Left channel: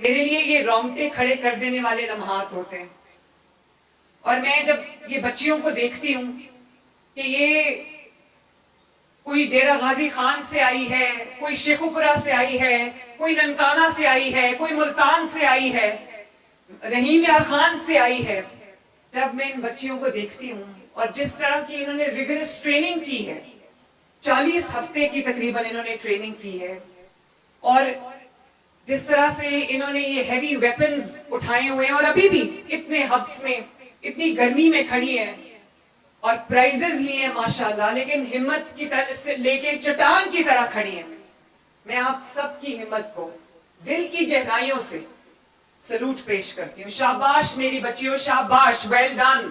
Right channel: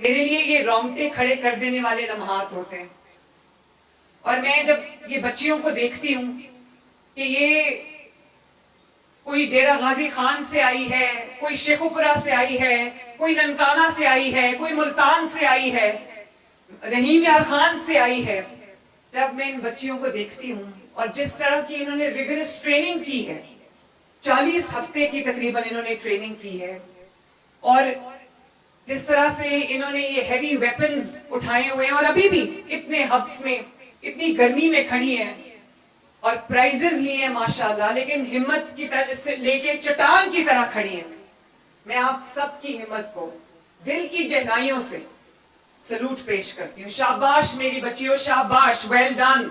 میرے لیے یہ رونگٹے کھڑے کر دینے والے لمحات ہوتے ہیں. اور میں جب یہ بچیوں کو دیکھتی ہوں کہ یہ کوئی ڈیرہ غازی خان سے آئی ہے, کوئی شیخوپورہ سے آئی ہے, کوئی ننکانہ سے آئی ہے, کوئی ملتان سے آئی ہے, رحیم یار خان سے آئی ہے, جب میں ان بچیوں کو دیکھتی ہوں اور جس طرح کی انہوں نے ریگرس ٹریننگ کی ہے, 40 ہفتے کی تقریباً انہوں نے ٹریننگ کی ہے, اور جس طرح سے انہوں نے یہ ہیوی ویپنز اٹھائے ہوئے ہیں اور ابھی بھی اتنے ہبس میں اتنی گرمی میں کھڑی ہیں اور پرائزز لیے ہیں ماشاءاللہ, لیکن ہمت کی طرح سے لے کے چٹان کی طرح کھڑی ہیں. میں آپ سب کی ہمت کو دل کی گہرائیوں سے سلوٹ پیش کرتی ہوں. شاباش میری بچیوں, شاباش, well done.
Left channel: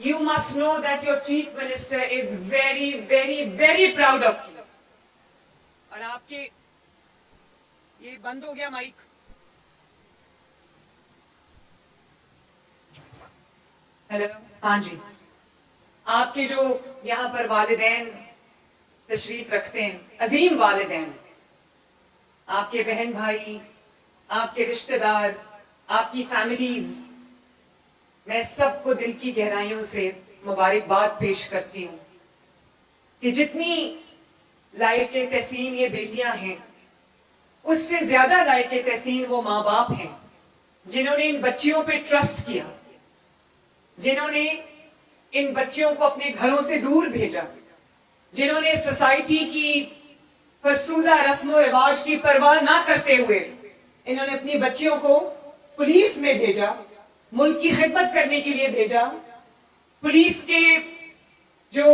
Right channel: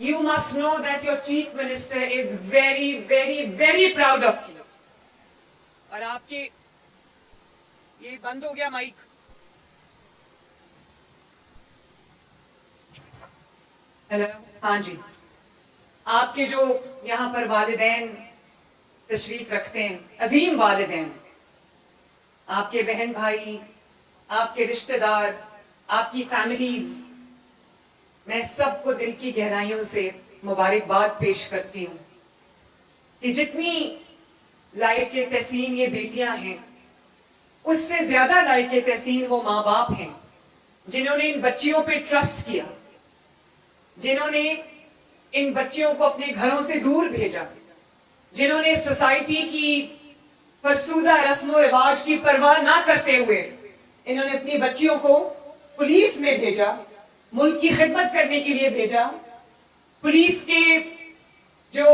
You must know that your chief minister is very, very, very proud of you. اور آپ کے یہ بند ہو گیا مائک. ہیلو, ہاں جی. آپ کے جو یہاں پر والدین تشریف رکھتے ہیں, عظیم والدین, آپ کے بہن بھائی, آپ کے رشتہ دار, آپ کی فیملیز, میں سب کو دل کی گہرائیوں سے مبارکباد پیش کرتی ہوں کہ جتنی لائق تحسین یہ بیٹیاں ہیں, اس سے زیادہ لائق تحسین وہ ماں باپ ہیں جنہوں نے ان بچیوں پہ ٹرسٹ کیا, جنہوں نے ان بچیوں کو اپنے گھروں سے دور بھیجا, جنہوں نے سوسائٹی کی فرسودہ رسم و رواج کی پرواہ نہ کرتے ہوئے انہوں نے اپنی بچیوں کو پولیس میں بھیجا, ملک کی خدمت کرنے کے لیے بھیجا, پولیس کے جو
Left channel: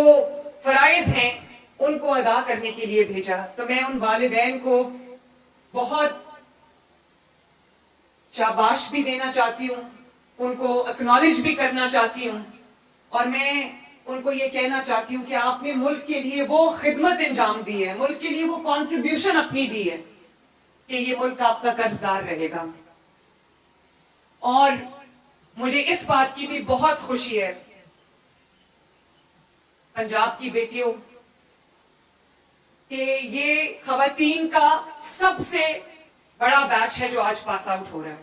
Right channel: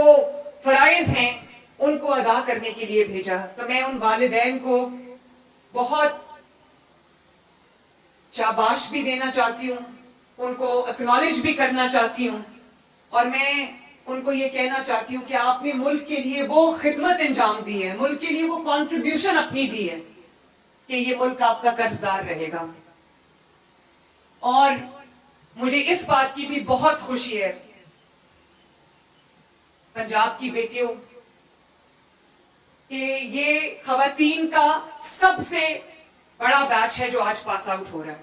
فرائض ہیں ان کو ادا کرنے کے لیے بھیجا. تو میں ان والدین کو بہت شاباش بھی دینا چاہتی ہوں, ان کو اکنالج بھی کرنا چاہتی ہوں, اور میں ان کو یہ کہنا چاہتی ہوں کہ آپ نے ملک کے لیے وہ خدمت انجام دی ہے, ملک کے لیے وہ کنٹریبیوشن اپنی دی ہے کہ یہ ملک آپ کا قرضدار رہے گا. اور مجھے اس بات کی بھی بہت خوشی ہے پنجاب کی بیٹیوں کہ یہ خواتین کا سب سے بڑا بیچ ہے جو آج پاس آؤٹ ہو رہا ہے.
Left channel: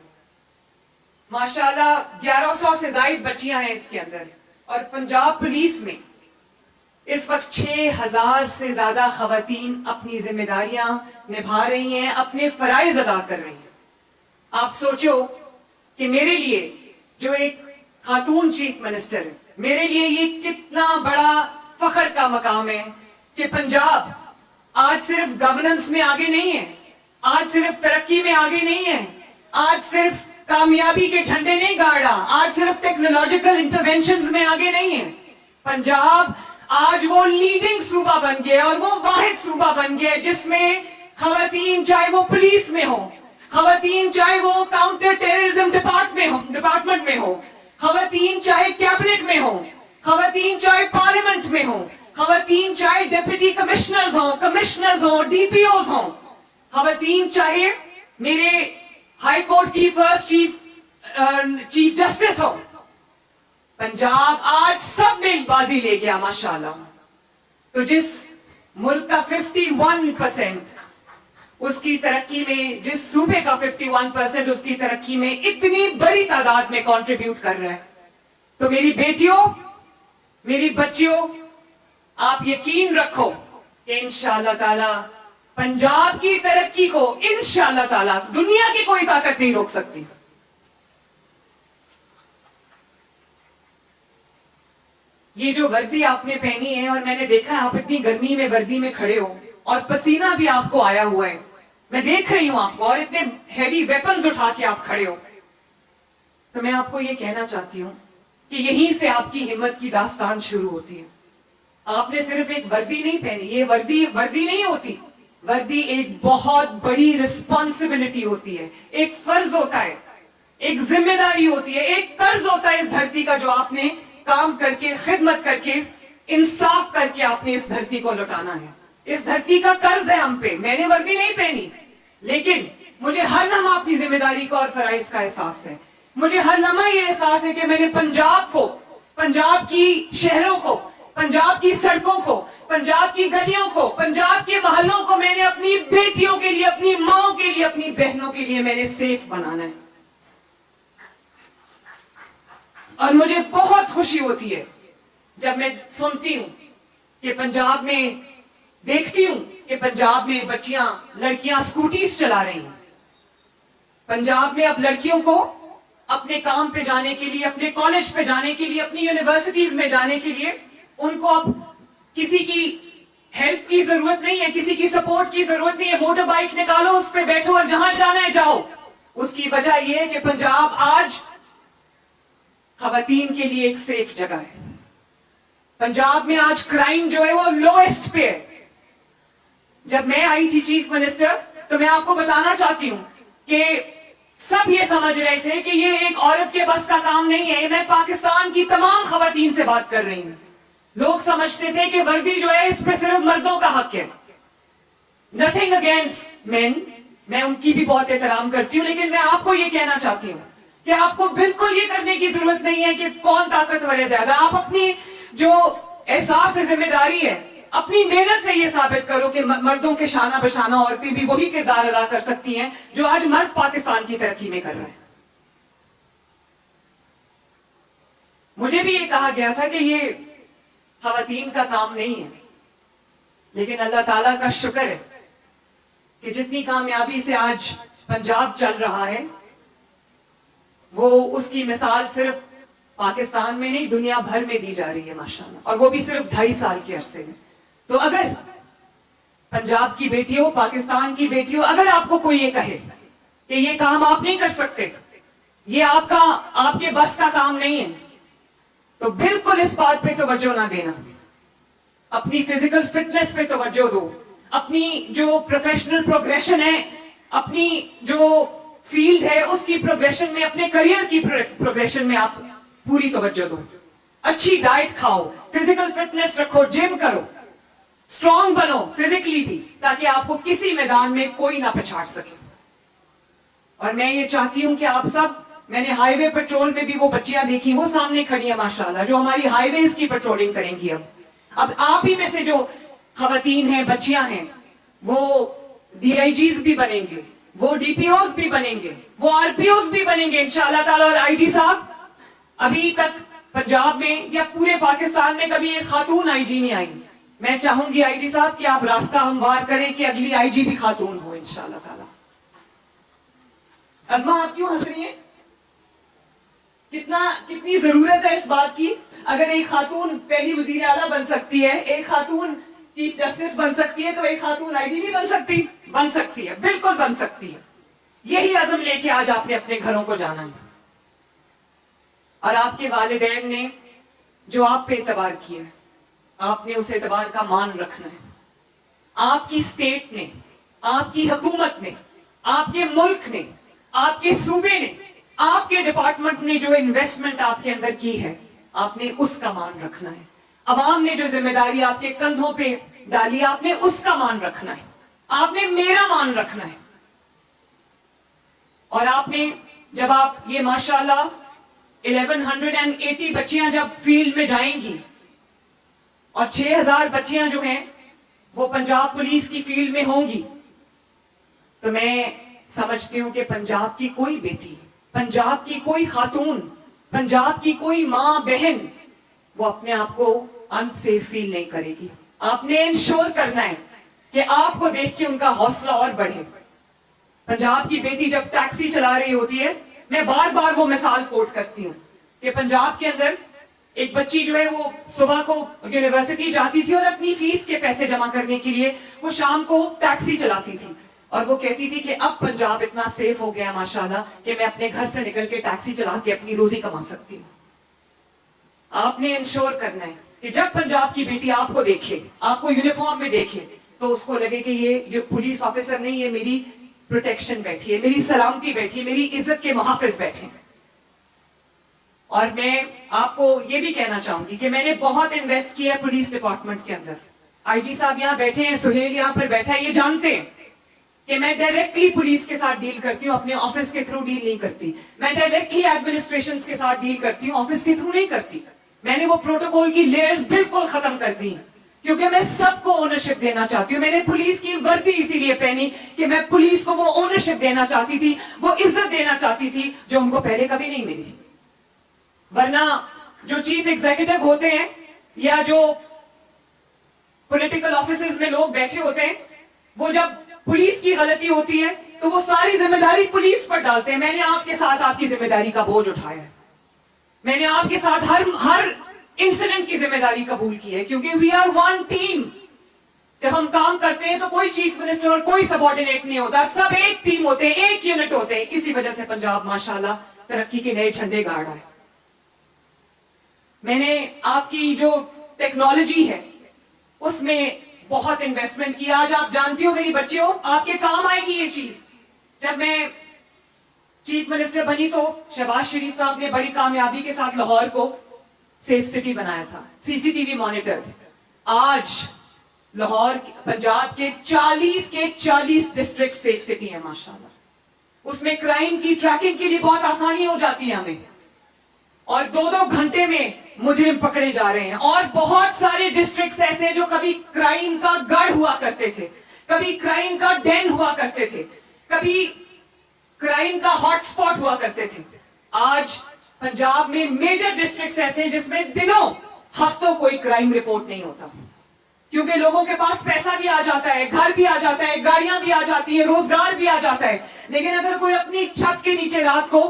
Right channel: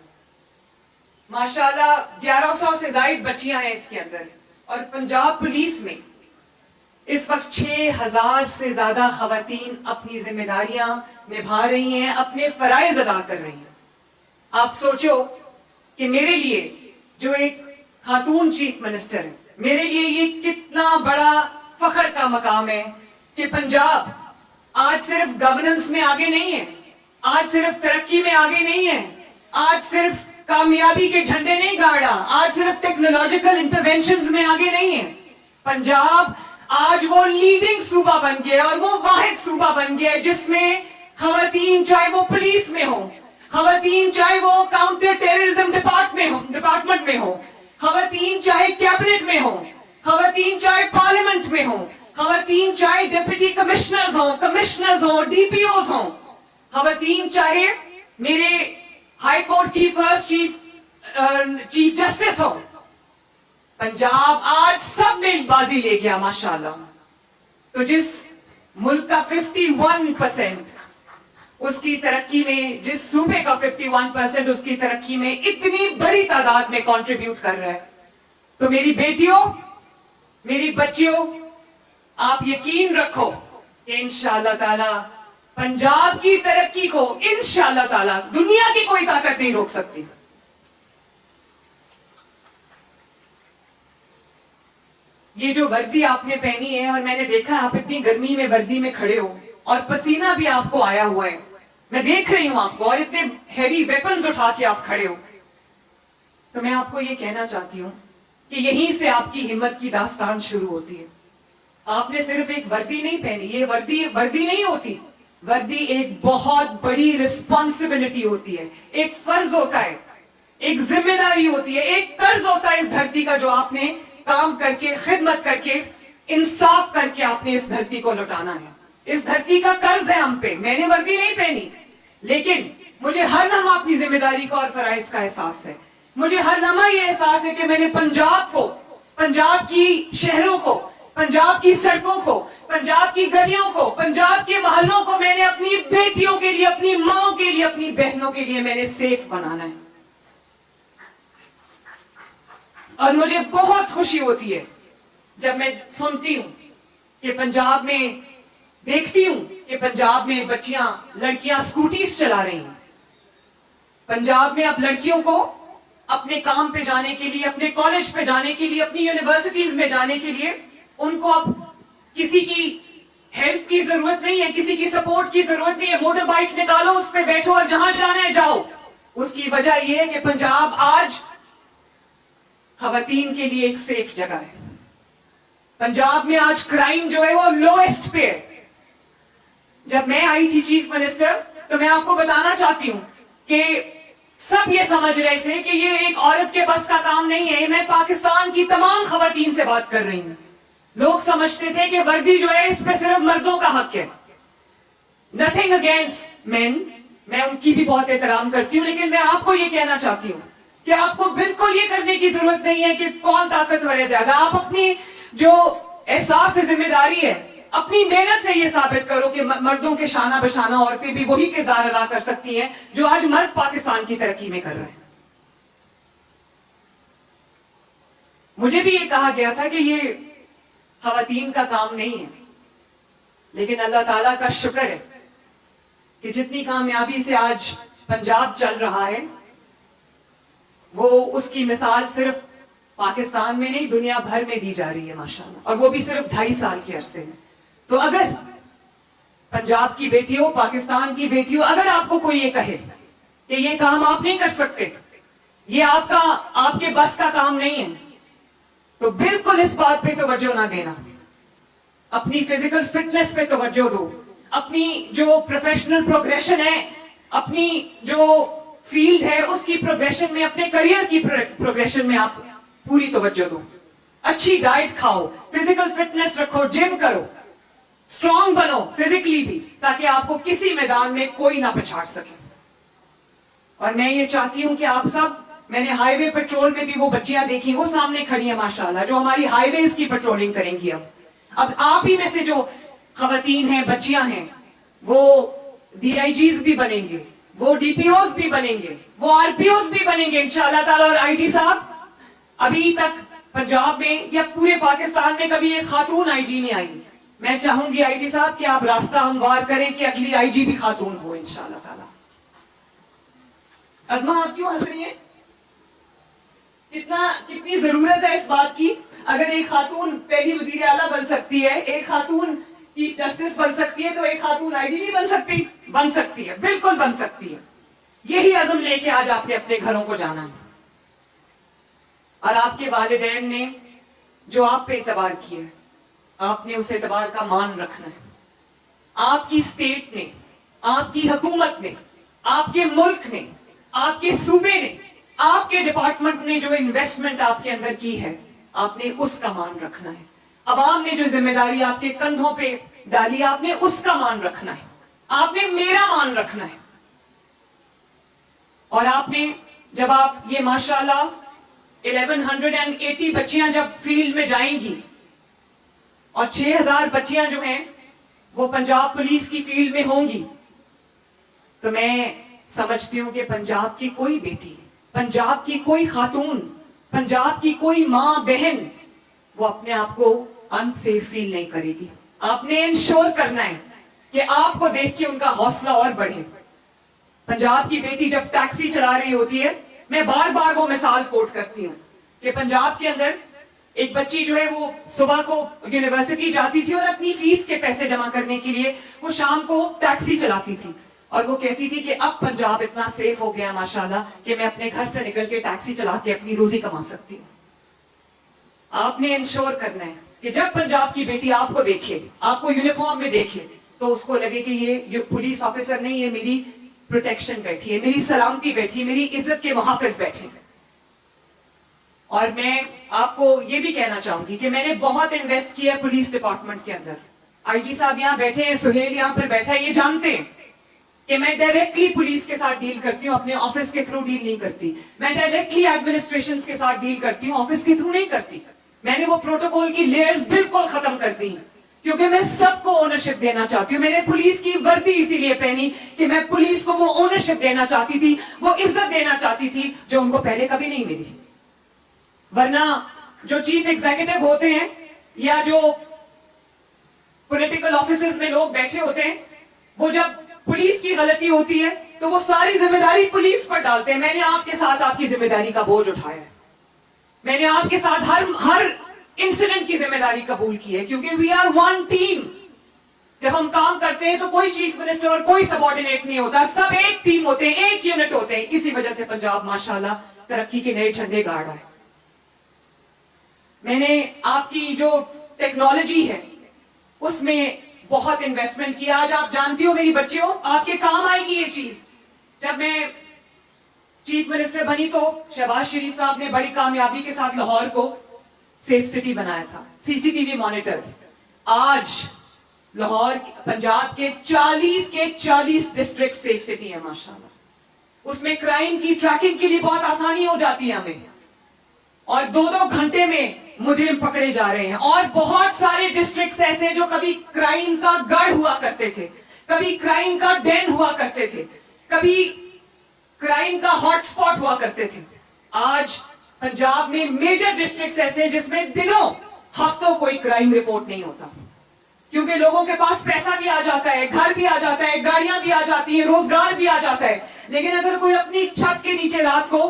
ماشاءاللہ 1100 سے زائد بچیاں ہیں اس کے اندر, اور پنجاب پولیس میں اس وقت 6000 سے زیادہ خواتین اپنی ذمہ داریاں نبھا رہی ہیں, اپنے فرائض ادا کر رہی ہیں. آپ سوچو کہ میرے لیے جو ایک خاتون چیف منسٹر ہے, میرے لیے یہ کتنا بڑا فخر کا مقام ہے کہ پنجاب آج صرف گورننس میں آگے نہیں ہے, آج صرف ترقی میں آگے نہیں ہے, آج صرف کامیابی کے جھنڈے نہیں گاڑا, آج صرف ٹیکنالوجیکل انٹرونشنز میں آگے نہیں ہے. پنجاب آج وہ لیڈنگ صوبہ بن گیا اور وہ واحد صوبہ بن گیا جس میں خواتین چاہے وہ پولیس میں ہوں, خواتین چاہے وہ کاؤنٹر ٹیررزم ڈپارٹمنٹ میں ہوں, خواتین چاہے کیبنٹ میں ہوں, خواتین چاہے پارلیمنٹ میں ہوں, خواتین چاہے ڈیپٹی کمشنرز ہوں, ڈی پی اوز ہوں, خواتین چاہے میرے ہائی کورٹ کی فرسٹ چیف جسٹس ہو. پنجاب آج سب میں بازی لے گیا ماشاءاللہ. تو جس ملک کا 51% اس کی ترقی میں, جس صوبے کا 51% اس کی ترقی میں اتنی بڑی تعداد میں کنٹریبیوٹ کر رہا ہے, تو میری بیٹیوں, میری بچیوں, آپ یقین رکھو کہ انشاءاللہ تعالی پنجاب کی ترقی کو انشاءاللہ تعالی دنیا کی کوئی طاقت نہیں روک سکتی. یہ جو وردی آپ نے پہنی ہے, اور میں نے دیکھا آپ اتنی گرمی میں وردی میں کھڑے ہو اور پسینہ بھی آپ کو آیا ہوا ہے, میں دیکھ رہی ہوں آپ کو, اور اتنے ہیوی ویپنز اٹھا کے آپ کھڑے ہو, تو میں آپ کو یہ کہنا چاہتی ہوں کہ یہیں سے آپ کی ہمت کی داستان شروع ہوتی ہے. آپ نے صرف ایک وردی نہیں پہنی, یہ وردی نہیں ہوتی, وردی ایک بہت بڑی رسپانسبلٹی ہوتی ہے, ایک فرض ہوتا ہے, ایک ذمہ داری ہوتی ہے, ایک قرض ہوتا ہے اس دھرتی کا جو آپ نے کام کر کے, خدمت کر کے, انصاف کر کے آپ نے اس دھرتی کو لوٹانا ہے. اس دھرتی کا قرض ہے ہم پہ. میں نے وردی نہیں پہنی, لیکن مجھے ہر لمحہ اپنی ذمہ داری کو اور فرائض کا احساس ہے. مجھے ہر لمحہ یہ احساس ہے کہ میں نے پنجاب کو, پنجاب کی شہروں کو, پنجاب کی سڑکوں کو, पंजाब की गलियों को, पंजाब के मोहल्लों को मैंने अपनी बेटियों के लिए, अपनी माओ के लिए, अपनी बहनों के लिए मैंने सेफ बनाना है। और मुझे बहुत खुशी होती है जब मैं सुनती हूं कि पंजाब में, देखती हूं कि पंजाब में बच्चियां, लड़कियां स्कूटीज चला रही हैं। पंजाब में अब लड़कियों को अपने काम पे जाने के लिए, अपने कॉलेज पे जाने के लिए, अपनी यूनिवर्सिटीज में जाने के लिए उनको अब किसी की हेल्प की जरूरत नहीं है, किसी की सपोर्ट की जरूरत नहीं है। मोटर बाइक निकालो, उस पे बैठो और जहां जाना है जाओ। उसकी वजह यह है कि पंजाब आज खवातीन के लिए एक सेफ जगह है। पंजाब में आज क्राइम जो है वो लोएस्ट पे है। जब मैं आई थी चीफ मिनिस्टर, तो मैं आपको बताना चाहती हूं कि सब ये समझ रहे थे कि ये एक औरत के बस का काम नहीं है। मैं पाकिस्तान की तमाम खवातीन से बात कर रही हूं। लोग समझते थे कि वर्दी जो है इस पे सिर्फ मर्दों का हक है। नथिंग अगेंस्ट मेन, मैं उनकी भी बहुत एहतराम करती हूं, लेकिन मैं आपको ये कहना चाहती हूं कि आपको बिल्कुल ये करने की जरूरत नहीं है कि कौन ताकतवर है ज्यादा। आप अपनी जो एहसास है, जिम्मेदारी है, अपनी मेहनत से ये साबित करो कि मर्दों के शाना बशाना औरतें भी वही किरदार अदा कर सकती हैं जो आज मर्द पाकिस्तान की तरक्की में कर रहे हैं। मुझे भी ये कहा गया था कि ये खवातीन का काम नहीं है, लेकिन अल्लाह ताला का शुक्र है कि जितनी कामयाबी से आज पंजाब चल रहा है, वो उसकी मिसाल सिर्फ पाकिस्तान में नहीं, दुनिया भर में दी जा रही है माशाल्लाह, और वो भी सिर्फ 2.5 साल के अरसे में। तो अगर पंजाब की बेटियों, पाकिस्तान की बेटियों, अगर आपको कोई ये कहे कि ये काम आप नहीं कर सकते, ये आपके बस का काम नहीं है, तो बिल्कुल इस बात पे तवज्जो ना देना। अपनी फिजिकल फिटनेस पे तवज्जो दो, अपनी जो प्रोफेशनल प्रोग्रेशन है, अपनी जो फील्ड है उसकी प्रोग्रेशन में, अपने करियर की प्रोग्रेशन में आप पूरी तवज्जो दो। अच्छी डाइट खाओ, फिजिकल फिटनेस रखो, जिम करो, स्ट्रांग बनो फिजिकली भी, ताकि आपको किसी मैदान में कोई ना पछाड़ सके। और मैं ये चाहती हूं कि आप सब, मैंने हाईवे पेट्रोल में भी वो बच्चियां देखी, वो सामने खड़ी है माशाल्लाह, जो हमारी हाईवेज की पेट्रोलिंग करेंगी। अब आप ही में से जो खवातीन हैं, बच्चियां हैं, वो डीआईजीज भी बनेंगे, वो डीपीओज भी बनेंगे, वो आरपीओज भी बनेंगे इंशाअल्लाह ताला। और आईजी साहब, अभी तक पंजाब में या पूरे पाकिस्तान में कभी एक खातून आईजी नहीं आई। मैं चाहूंगी आईजी साहब कि आप रास्ता हमवार करें कि अगली आईजी भी खातून हो इंशाअल्लाह ताला। अज़मा, आप क्यों हंस रही हैं? कितनी जरूरत है इस बात की। अगर एक खातून पहली वजीर आला बन सकती है, एक खातून चीफ जस्टिस बन सकती है, तो एक खातून आईजी नहीं बन सकती? बन सकती है, बिल्कुल बन सकती है। यही अज़म लेके आज आपने अपने घरों को जाना है। और आपके वालिदैन ने जो आप पे एतबार किया है, आपने उस एतबार का मान रखना है। आपकी स्टेट ने, आपकी हुकूमत ने, आपके मुल्क ने, आपके सूबे ने, आपके डिपार्टमेंट ने जो इन्वेस्टमेंट आपके अंदर की है, आपने उसका मान रखना है। अवाम ने जो जिम्मेदारी आपके कंधों पे डाली, आपने उसका मान रखना है। आपने मेरा मान रखना है। और आपने, जब आप ये माशाल्लाह 1180 बच्चियां जब फील्ड में जाएंगी और 6000 बच्चियां जो हैं वो पंजाब पुलिस की फील्ड में होंगी, तो मैं समझती हूं कि पंजाब की कोई बेटी, पंजाब की कोई खातून, पंजाब की कोई मां बहन वो अपने आप को अनसेफ फील नहीं करेगी। आपने इंश्योर करना है कि आपको देख के उनका हौसला और बढ़े। पंजाब की बेटी जब टैक्सी चला रही होती है, मैं बार बार वो मिसाल कोट करती हूँ कि पंजाब के अंदर एक बच्ची जो है वो सुबह को यूनिवर्सिटी जाती थी और अपनी फीस के पैसे जमा करने के लिए वो शाम को टैक्सी चलाती थी, और वो कहती थी कि अब पंजाब इतना सेफ हो गया माशाल्लाह कि मैं अपने घर से निकल के टैक्सी चला के अपनी रोजी कमा सकती हूँ। आपने इंश्योर करना है कि जब पंजाब की बेटी आपको देखे, आपको यूनिफॉर्म में देखे, तो उसको लगे कि ये जो पुलिस ऑफिसर नहीं, ये मेरी प्रोटेक्शन बैठी है, मेरी सलामती बैठी, मेरी इज्जत के मुहाफिज बैठे। और मैं आपको ये भी कहना चाहूंगी कि मैंने बहुत इन्वेस्ट किया है पुलिस डिपार्टमेंट के अंदर। आईजी साहब यहाँ बैठे हैं, सुहेल यहाँ पर बैठा है, ये जानते हैं कि मैं डायरेक्टली पुलिस के साथ डील करती हूँ, अपने ऑफिस के थ्रू डील नहीं करती। मैं डायरेक्टली एडमिनिस्ट्रेशन के साथ डील करती हूँ, ऑफिस के थ्रू नहीं करती। मैंने वो प्रोटोकॉल की लेयर्स बिल्कुल खत्म कर दी। क्योंकि मैं सबको ओनरशिप देना चाहती हूँ। मैंने पुलिस की वर्दी इसीलिए पहनी कि मैं पुलिस को वो ओनरशिप देना चाहती थी, वो इज्जत देना चाहती थी जो उनको पहले कभी नहीं मिली। वरना जो चीफ एग्जीक्यूटिव होते हैं या जो पॉलिटिकल ऑफिसेस में लोग बैठे होते हैं, वो जब पुलिस की गलती होती है तो वो सारी जिम्मेदारी पुलिस पर डालते हैं। मैंने आपके साथ आपकी जिम्मेदारी का बोझ उठाया है, मैंने आपके साथ हर इंसिडेंट की जिम्मेदारी कबूल की है, क्योंकि वी आर वन टीम। जब हम काम करते हैं तो कोई चीफ मिनिस्टर और कोई सबऑर्डिनेट नहीं होता, सब एक टीम होते हैं, एक यूनिट होते हैं। इसी वजह से पंजाब माशाल्लाह तरक्की के नए झंडे गाड़ रहा है। मैंने आपकी जो टेक्नोलॉजी है उसमें बहुत इन्वेस्टमेंट किया। आज आप जानती हो मेरी बच्चियों, आपके काम आएगी ये चीज। जब मैं चीफ मिनिस्टर बनी तो शहबाज शरीफ साहब ने बड़ी कामयाबी के साथ लाहौर को सेफ सिटी बनाया था, सीसीटीवी मॉनिटर। आज लाहौर पंजाब के 40 डिस्ट्रिक्ट सेफ सिटी है माशाल्लाह। उसमें क्राइम की ट्रैकिंग के लिए बहुत आसानी हो जाती है हमें, और 2-2 घंटे में मुजरिम पकड़े जा रहे हैं। और बहुत सारे डिस्ट्रिक्ट्स ऐसे जो कभी क्राइम का गढ़ हुआ करते थे, कभी क्राइम का डेन हुआ करते थे, कभी क्राइम का हॉटस्पॉट हुआ करते थे। आज पंजाब में मेजर डिस्ट्रिक्ट्स ऐसे हैं जिसमें दिनों हफ्तों कोई क्राइम रिपोर्ट नहीं होता, क्योंकि लोगों के पास पैसा भी आ जाता है, घर भी आ जाता है, गाड़ियां भी आ जाती है, रोजगार भी आ जाता है। लेकिन अगर कोई अपनी छत के नीचे रात को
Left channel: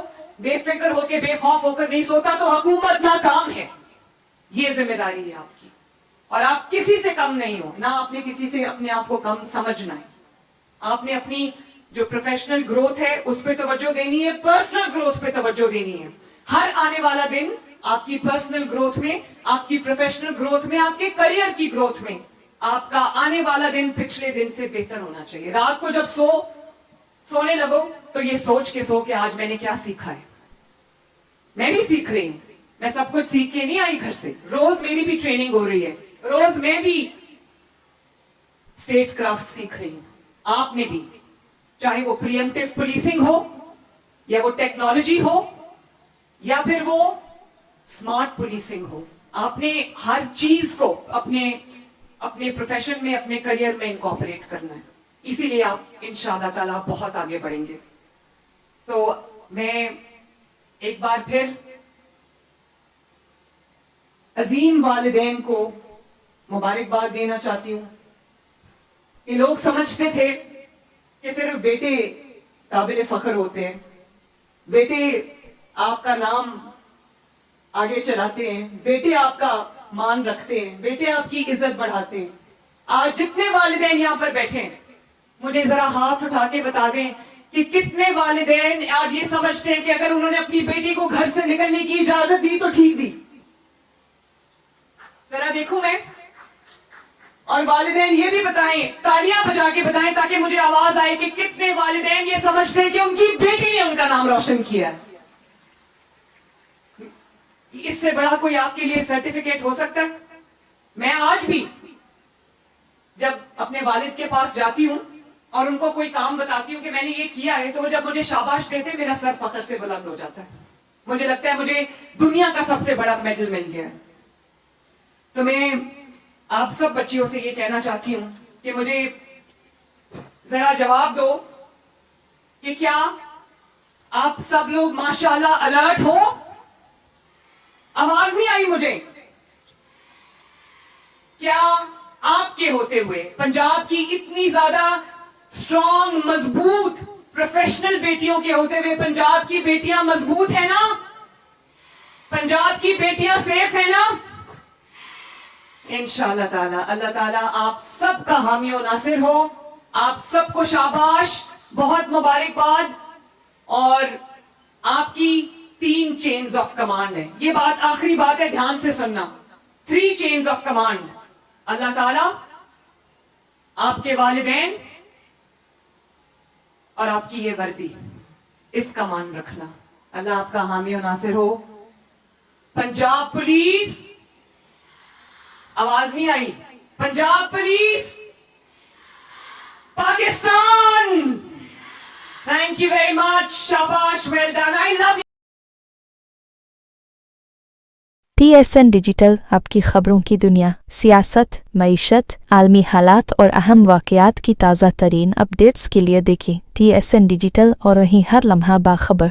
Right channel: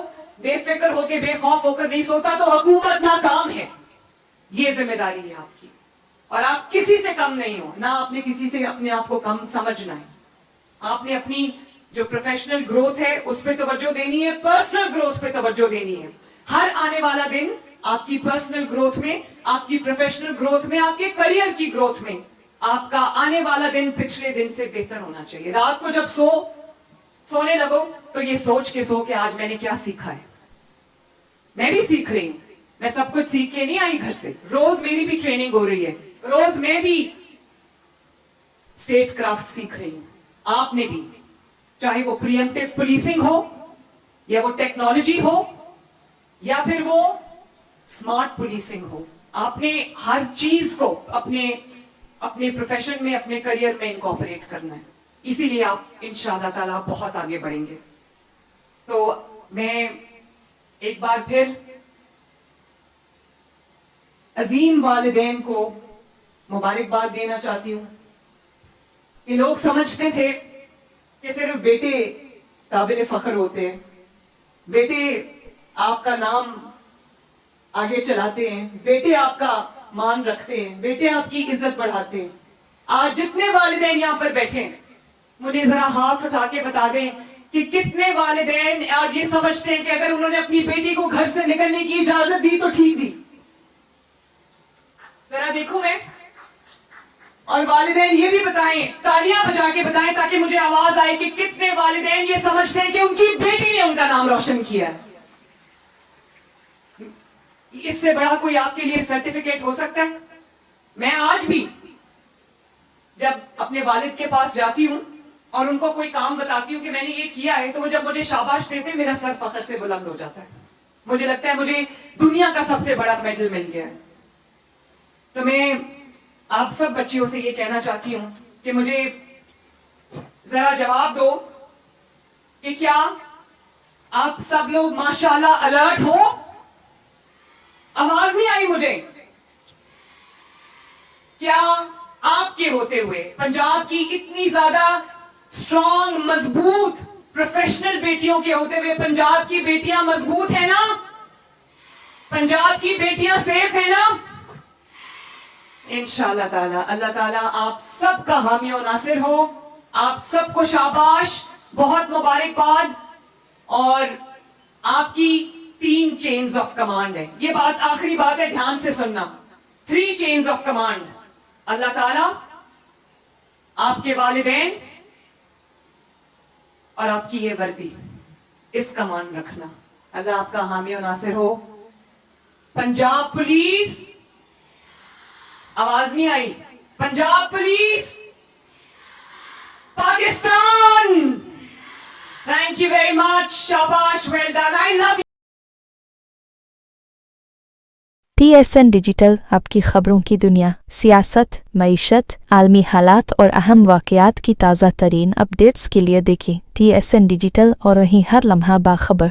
बेफिक्र होकर बेखौफ होकर नहीं सोता तो हुकूमत नाकाम है। ये जिम्मेदारी है आपकी, और आप किसी से कम नहीं हो, ना आपने किसी से अपने आप को कम समझना है। आपने अपनी जो प्रोफेशनल ग्रोथ है उस पर तवज्जो देनी है, पर्सनल ग्रोथ पे तवज्जो देनी है। हर आने वाला दिन आपकी पर्सनल ग्रोथ में, आपकी प्रोफेशनल ग्रोथ में, आपके करियर की ग्रोथ में, आपका आने वाला दिन पिछले दिन से बेहतर होना चाहिए। रात को जब सोने लगो तो ये सोच के सो कि आज मैंने क्या सीखा है। मैं भी सीख रही हूं, मैं सब कुछ सीख के नहीं आई घर से, रोज मेरी भी ट्रेनिंग हो रही है, रोज मैं भी स्टेट क्राफ्ट सीख रही हूं। आपने भी, चाहे वो प्रिएम्प्टिव पुलिसिंग हो, या वो टेक्नोलॉजी हो, या फिर वो स्मार्ट पुलिसिंग हो, आपने हर चीज को अपने प्रोफेशन में, अपने करियर में इनकॉर्पोरेट करना है। इसीलिए आप इंशाअल्लाह ताला बहुत आगे बढ़ेंगे। तो मैं एक बार फिर अजीम वालिदैन को मुबारकबाद देना चाहती हूँ कि लोग समझते थे कि सिर्फ बेटे काबिल फख्र होते हैं, बेटे आपका नाम आगे चलाते हैं, बेटे आपका मान रखते हैं, बेटे आपकी इज्जत बढ़ाते हैं। आज जितने वालिदैन यहाँ पर बैठे हैं, मुझे जरा हाथ उठा के बता दें कि कितने वालिदैन आज ये समझते हैं कि अगर उन्होंने अपनी बेटी को घर से निकलने की इजाजत दी तो ठीक दी। जरा देखूं मैं, और वालिदैन ये भी बताएं, तालियां बजा के बताएं ताकि मुझे आवाज आए कि कितने वालिदैन ये समझते हैं कि उनकी बेटी ने उनका नाम रोशन किया है। इससे बड़ा कोई आपके लिए सर्टिफिकेट हो सकता है? मैं आज भी जब अपने वालिद के पास जाती हूं और उनको कोई काम बताती हूं कि मैंने ये किया है, तो जब मुझे शाबाश देते मेरा सर फख्र से बुलंद हो जाता है। मुझे लगता है मुझे दुनिया का सबसे बड़ा मेडल मिल गया है। तो मैं आप सब बच्चियों से ये कहना चाहती हूं कि मुझे जरा जवाब दो कि क्या आप सब लोग माशाल्लाह अलर्ट हो? आवाज नहीं आई मुझे। क्या आपके होते हुए, पंजाब की इतनी ज्यादा स्ट्रॉन्ग, मजबूत, प्रोफेशनल बेटियों के होते हुए पंजाब की बेटियां मजबूत है ना? पंजाब की बेटियां सेफ है ना? इंशाअल्लाह ताला, अल्लाह ताला आप सबका हामी और नासिर हो। आप सबको शाबाश, बहुत मुबारकबाद। और आपकी 3 चेन्स ऑफ कमांड है, ये बात आखिरी बात है, ध्यान से सुनना। 3 चेन्स ऑफ कमांड, अल्लाह ताला, आपके वालिदैन और आपकी ये वर्दी, इसका मान रखना। अल्लाह आपका हामी और नासिर हो। पंजाब पुलिस, आवाज नहीं आई, Punjab police, Pakistan. Thank you very much, शाबाश, well done, I love you. TSN digital آپ کی خبروں کی دنیا، سیاست، معیشت، عالمی حالات اور اہم واقعات کی تازہ ترین اپڈیٹس کے لیے دیکھیں TSN ڈیجیٹل اور رہیں ہر لمحہ باخبر۔